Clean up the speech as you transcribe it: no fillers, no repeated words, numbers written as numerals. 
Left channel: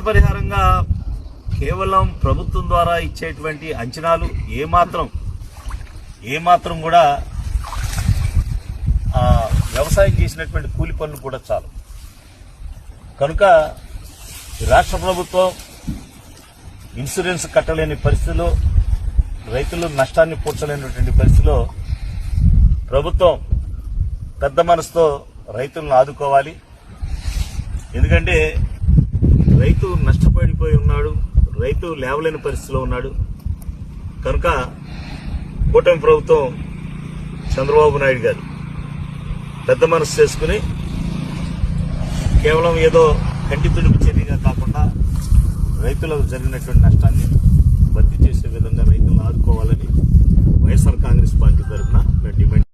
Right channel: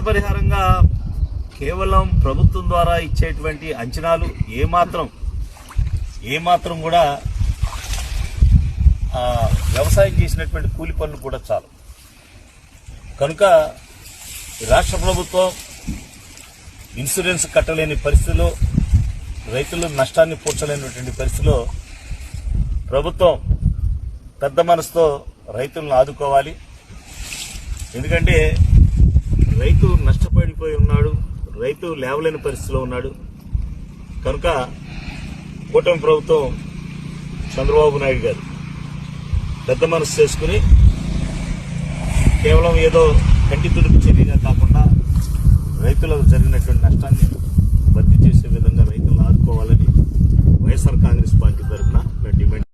నష్టపరిహారంగా కేవలం ప్రభుత్వం ద్వారా ఇచ్చేటువంటి అంచనాలు ఏమాత్రం కూడా వ్యవసాయం చేసినటువంటి కూలి పనులు కూడా చాలు. కనుక రాష్ట్ర ప్రభుత్వం ఇన్సూరెన్స్ కట్టలేని పరిస్థితిలో, రైతులు నష్టాన్ని పూడ్చలేనటువంటి పరిస్థితిలో ప్రభుత్వం పెద్ద మనసుతో రైతులను ఆదుకోవాలి. ఎందుకంటే రైతు నష్టపడిపోయి ఉన్నాడు, రైతు లేవలేని పరిస్థితిలో ఉన్నాడు. కనుక కూటమి ప్రభుత్వం చంద్రబాబు నాయుడు గారు పెద్ద మనసు చేసుకుని కేవలం ఏదో కంటి తుడుపు చర్యగా కాకుండా రైతులకు జరిగినటువంటి నష్టాన్ని భర్తీ చేసే విధంగా రైతులను ఆదుకోవాలని వైఎస్ఆర్ కాంగ్రెస్ పార్టీ తరఫున మేము డిమాండ్